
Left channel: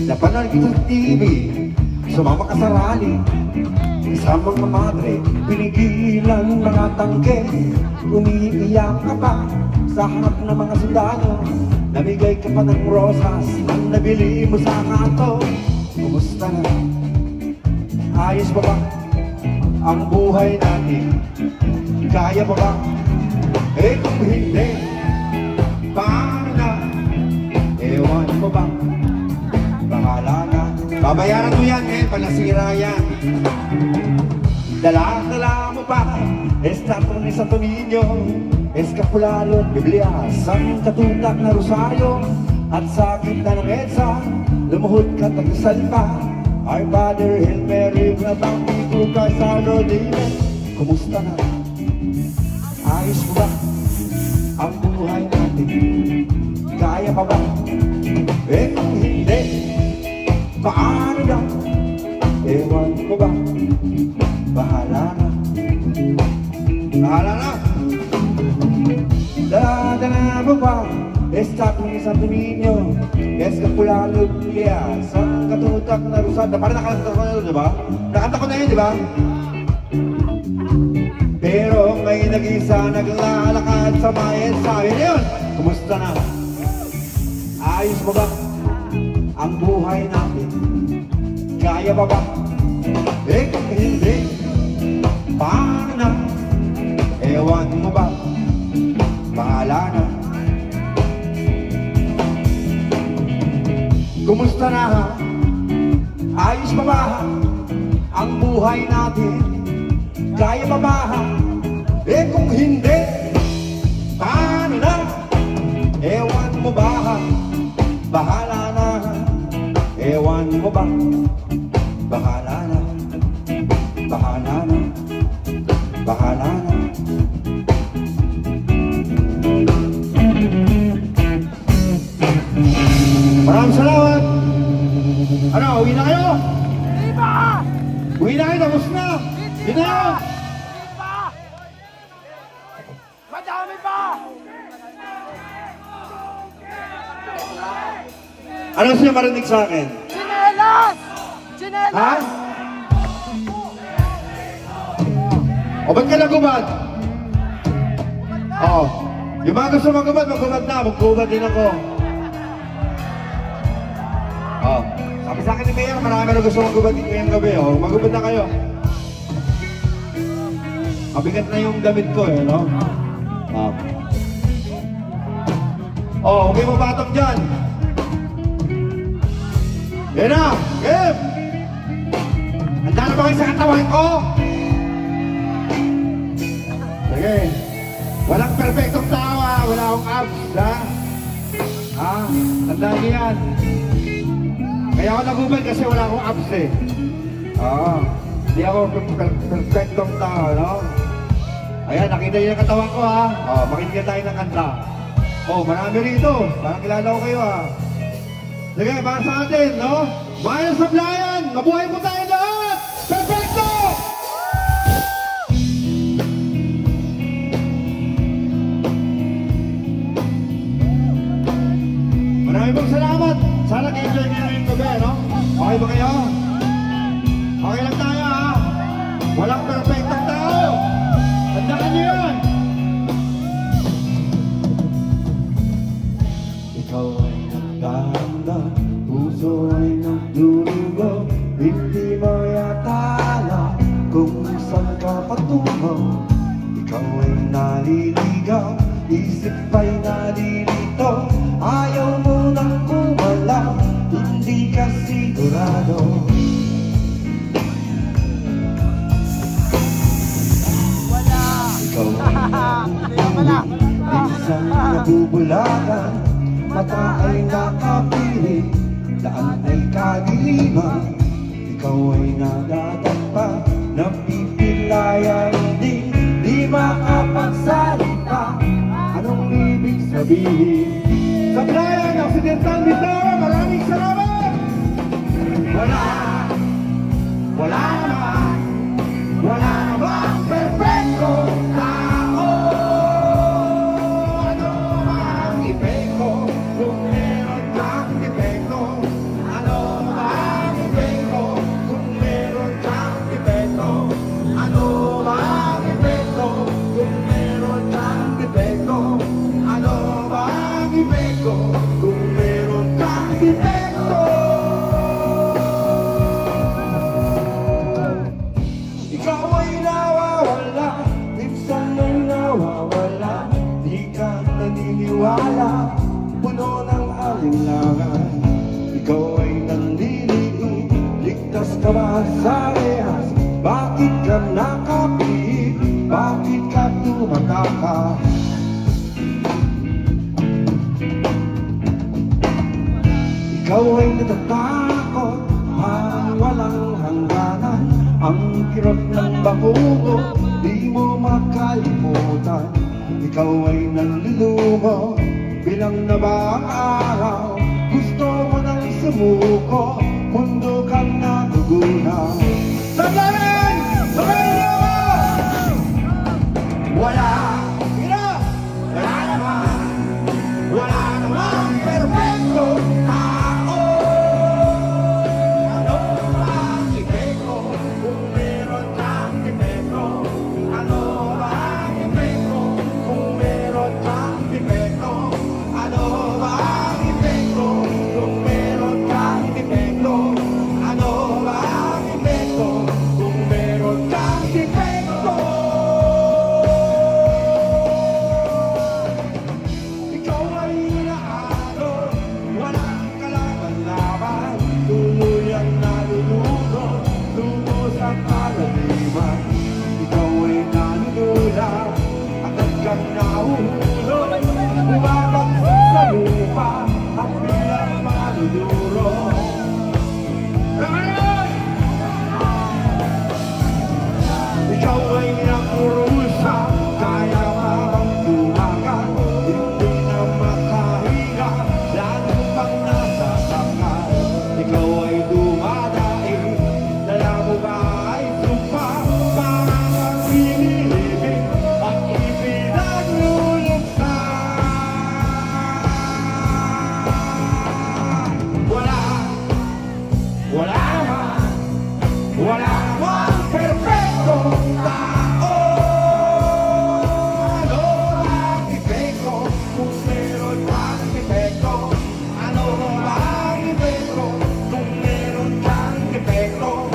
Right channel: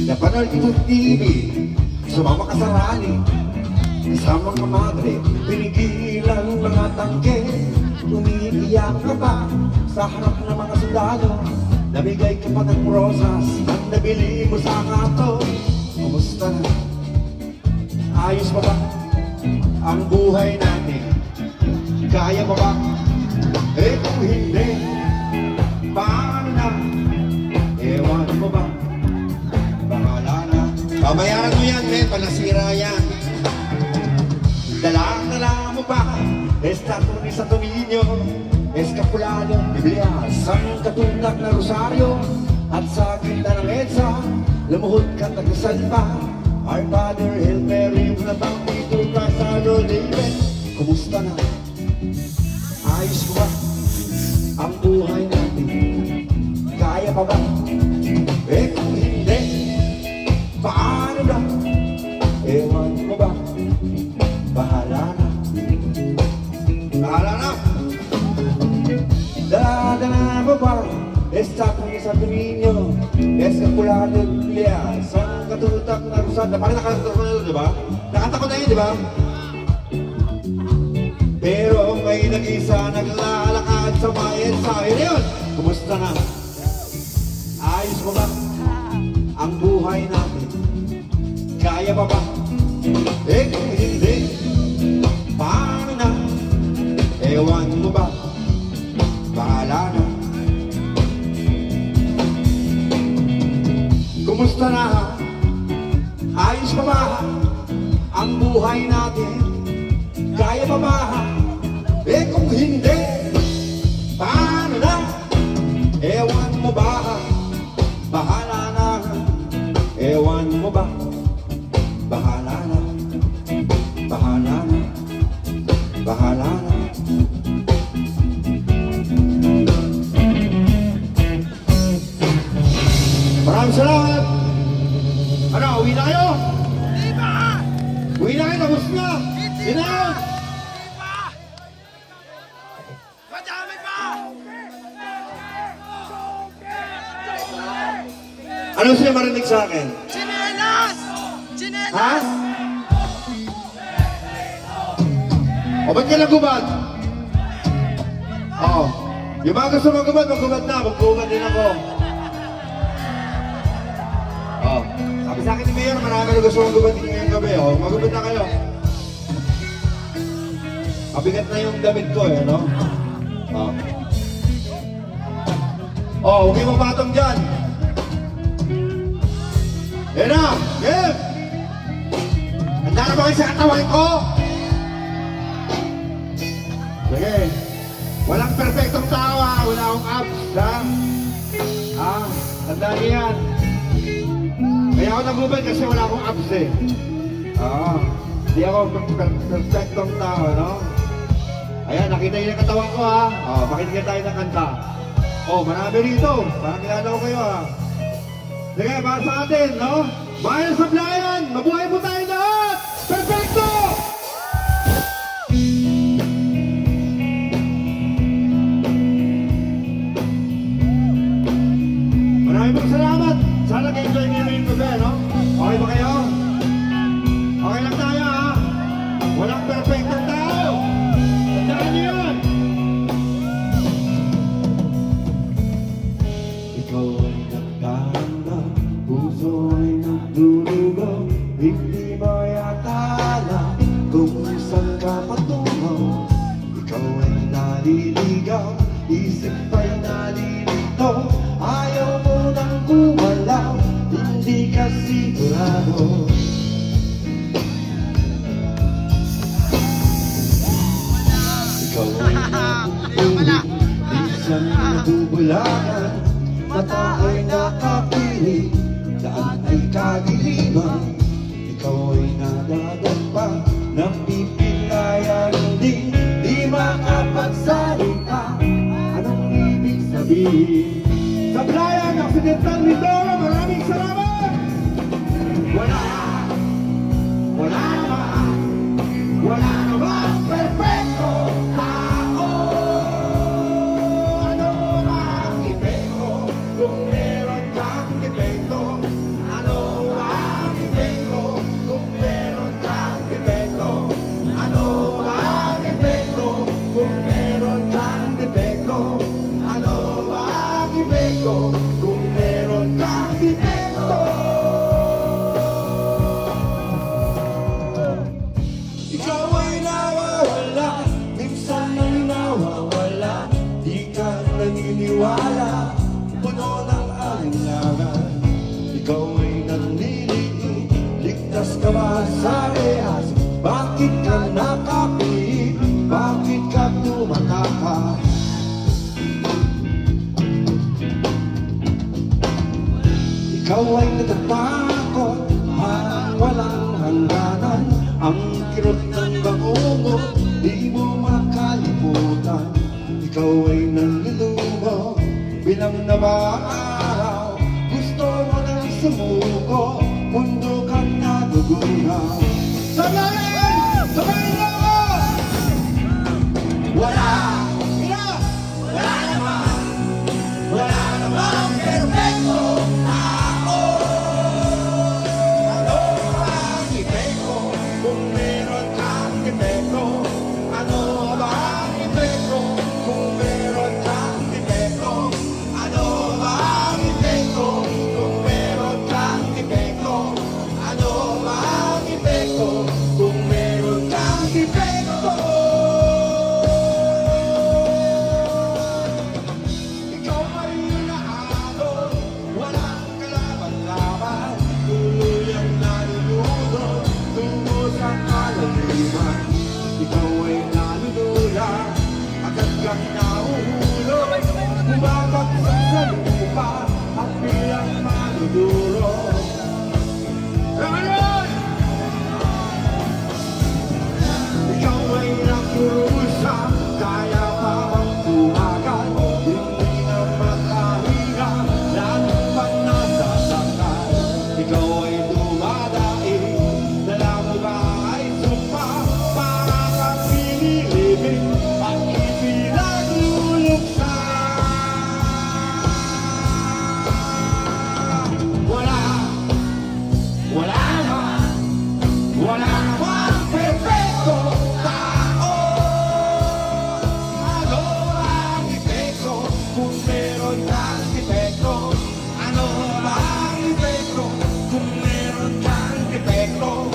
Napanood kita sa TV, sumama ka sa rally, isama ng madre, pinigilan mga tangke, umiiyak ka pa sa harap ng mga sundalo, nabigay ka pa ng rosas nang nabili mo sa kanto. Kumusta na? Ayos ba ba ang buhay natin? Kaya mo ba? Eh kung hindi, paano na? Ewan mo ba? Bahala na. Babayaran mo yan, eh, palasira yan. Dala mo ba? Estatong isa tuminyo, eskapulalong Biblia, sang katulak na rosaryo, at sa kita ng EDSA, lumuhod ka taga-salpa. Our Father, Hail Mary, Pabangki, to Christ our Lord, Amen. Kumusta na? Ayos mo ba ang buhay natin? Kaya pa ba? Eh kung hindi, paano na? Ewan mo ba? Bahala na. Bahala na. Dala mo ba? Esta kung isang tuminyo, eskapulalong Biblia, sang katutak na rusan. Parang nakakanta ko na yun, di ba? Nakanta ko na yun, di ba? Pero may nag-isa naglalakad sa mga ensayo na yun. Kumusta na? Ayos mo ba ang buhay natin? Kaya pa ba? Eh kung hindi, paano na? Ewan mo ba? Bahala na. Kumusta na? Ayos pa ba ang buhay natin? Kaya pa ba? Eh kung hindi, paano na? Ewan mo ba? Bahala na. Ewan mo ba? Bahala na. Bahala na. Bahala na. Maraming salamat. Ano, uwi na kayo? Di ba? Uwi na kayo, tapos na. Yun na yun. Di ba? Madami pa! Ano siya marinig sa akin? Chinelas! Ha? Chinelas! O ba't ka nagubad? Oo. Yung mga gusto magubad, magubad na. Magubad din ako. Oo. Sabi sa akin ni Mayor, marami na gusto magubad din ngayong gabi. Oh. Magubad na kayo. Mabigat na yung damit ko, ano? Oo. Oh, huwag mo batang dyan. Yan na, game! Handa na ba kayo sa katawan ko? Sige. Walang perfectong tawa, wala akong abs, ha? Ah, tandaan niyo yan. Kaya ako nagubad kasi wala akong abs, eh. Oo. Hindi ako perfectong tawa, no? Ayan, nakita niyo yung katawan ko, ha? Oo, makinig tayo ng kanta. Oh, marami rito. Parang kilala ko kayo, ha? Sige, para sa atin, no? Bayan sa Sablayan! Mabuhay po tayo lahat! Perfecto! Maraming pong salamat! Sana kayo-enjoy nyo na yung gabi, no? Okay ba kayo? Okay lang tayo, ha? Walang perfectong tao! Tandaan nyo yan! Ikaw ay nagdanda, puso ay nagdurugo, hindi mo yakala kung saan ka patungo. Ikaw ay naliligaw, isip ay nalilito, ayaw mo nang gumalaw, hindi ka sigurado. Wala! Ikaw ay Bintara, maraming salamat! Wala namang perfecto tao. Ano ang epekto kung meron kang defekto? Ano ang epekto kung meron kang defekto? Ano ang epekto kung meron kang defekto? Ano ang epekto kung meron kang defekto? Ikaw ay nawawala, minsan ay nawawala, di ka naniniwala, puno ng alinlangan. Ikaw ay nanliliit, ligtas ka ba sa rehas? Bakit ka nakapiit? Bakit ka tumataka? Ikaw ay natatakot, parang walang hangganan. Ang kirot ng bangungo, di mo makalimutan. Ikaw ay nanlulumo, bilang na ba araw? Gusto mo nang sumuko, mundo kang nagugunaw. Sandali! Sabayin niyo ako! Wala namang perfecto tao. Ano ang epekto kung meron kang defekto? Ano ang epekto kung meron kang defekto? Ano ang epekto kung meron kang defekto? Ano ang epekto kung meron kang defekto? Ikaw ay inaano, walang kalaban-laban, tuluyang nalulunod, tungo sa kalaliman. Ikaw ay nanunulat, agad kang nahuhulog, bumabagsak sa lupa, at biglang nalulunod. Ikaw ay nagkurusa, kaya makatuwagan, hindi na makahinga, lalo pang nasasakal. Ikaw ay dumadaig, dala mo ba ay sumpa, parang kang pinilibig, at ipinagluluksa. Wala namang perfecto tao. Ano ang epekto kung meron kang defekto? Ano ang epekto kung meron kang defekto?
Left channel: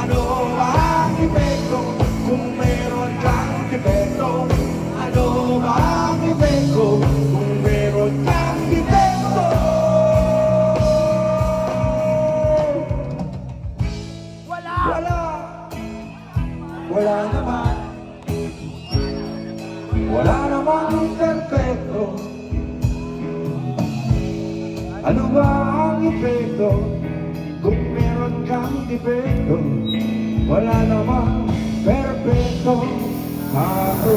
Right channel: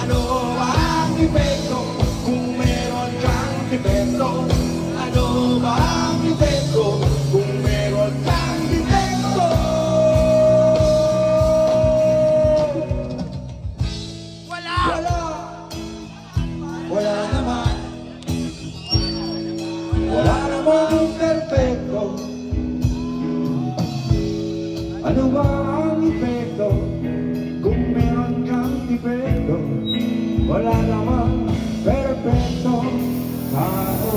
Ano ang epekto kung meron kang defekto? Ano ang epekto kung meron kang defekto? Wala namang perfecto. Ano ba ang epekto kung meron kang defekto? Wala namang perfecto ako.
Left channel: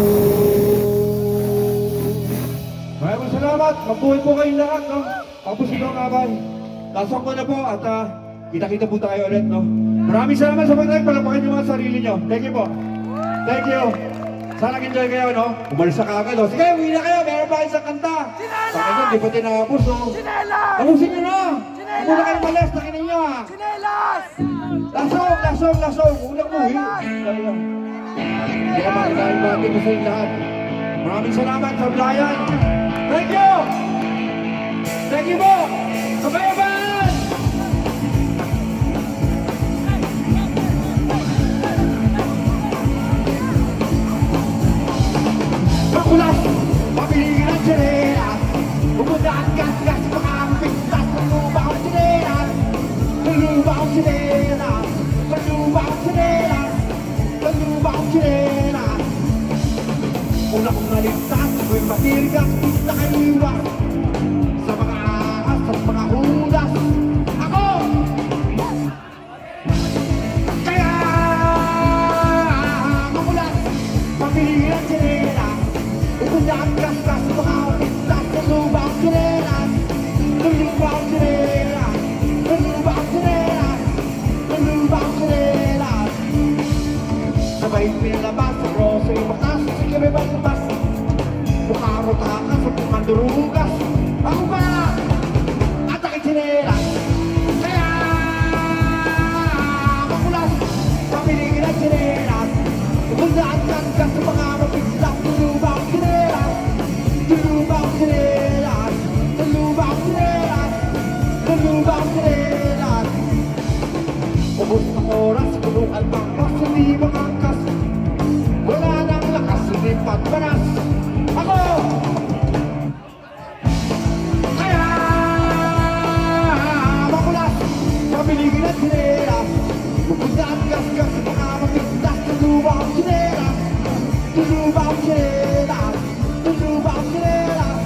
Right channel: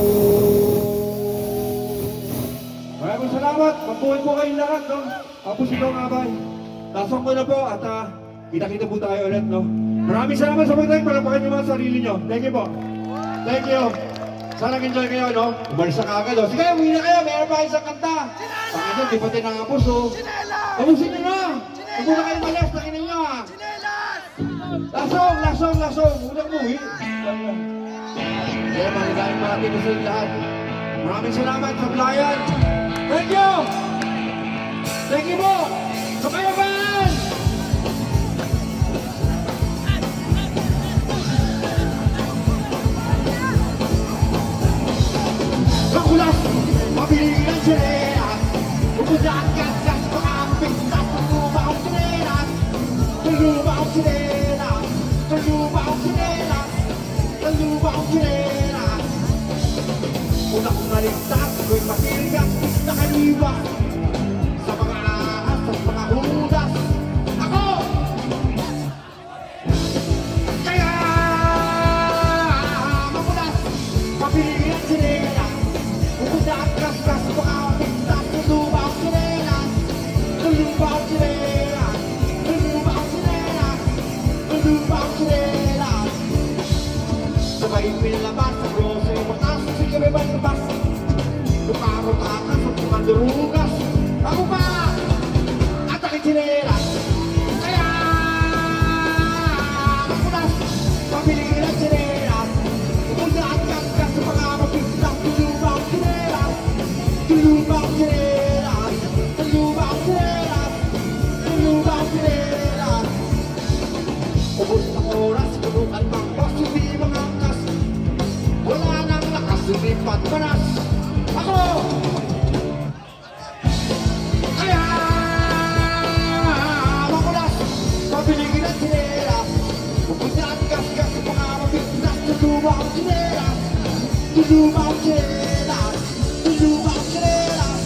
Maraming salamat. Mabuhay po kayong lahat, no? Tapos ito nga ba? Lasok ko na po at kita-kita po tayo ulit, no? Maraming salamat sa pagkain. Palapakan niyo mga sarili niyo. Thank you po. Thank you. Sana nag-enjoy kayo, no? Umalis na kagad, no? Sige, uwi na kayo. Meron pa kayo sa kanta. Sa kanya, di pa tinapos, no? Tapusin niyo na. Huwag muna kayong malas. Nakinig niyo, ha? Lasong. Unang uwi. Kaya magiging natin sa lahat. Maraming salamat sa Brian. Thank you. Thank you po. Kabayaban! Makulas, mabiligin ang sirena. Pupunta at gas-gas, mga pintas. Tulubang ang sirena. Tulubang ang sirena. Tulubang ang sirena. Tulubang ang sirena. Unang umalis na, may mabiligan. Nakaliwa. lubang sinelas. Ubus ng oras, subukan magpas, hindi mangangkas. Wala nang lakas, hindi patparas. Ako! Kaya makulas, mabiligin at sinelas. Pupunta ang gas-gas, mga mabigtas, tulubang sinelas. Tulubang sinelas. Tulubang sinelas.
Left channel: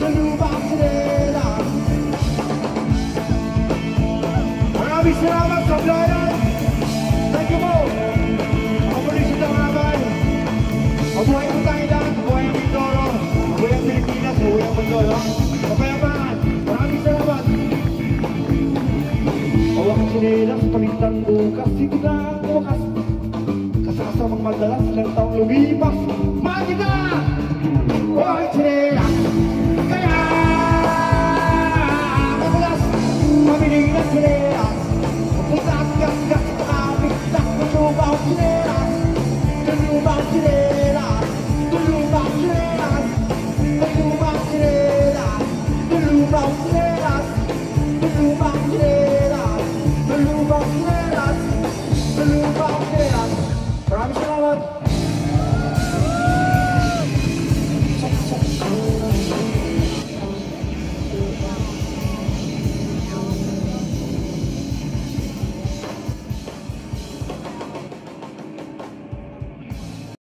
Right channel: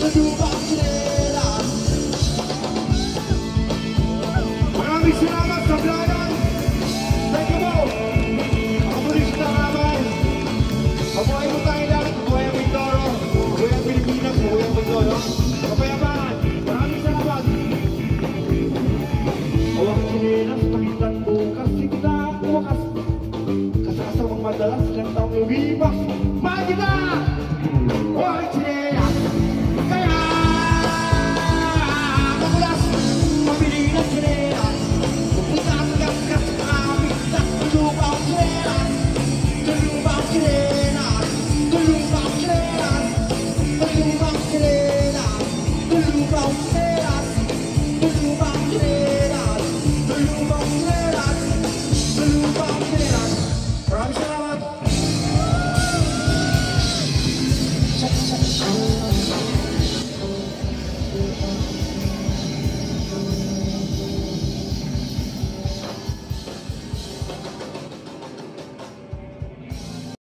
Tulubang sinelas. Maraming salamat sa Blayan. Thank you po. Mabulis na naman. Mabuhay mo tayo lahat. Mabuhay ang Mindoro. Mabuhay ang Pilipinas. Mabuhay ang Mindoro. Mapayabangan. Maraming salamat. Awang sinelas, palitan bukas. Sige na ang bukas. Kasasamang madalas, ilang taong lumipas. Magina! Awang sinelas. Kaya magulas. Mabiling na sinelas. Pupunta ang gas-gas. Nakapigtas. Tulubang sinelas. Tulubang sinelas. Tulubang sinelas. Tulubang sinelas. Tulubang sinelas. Tulubang sinelas. Tulubang sinelas. Tulubang sinelas. Maraming salamat.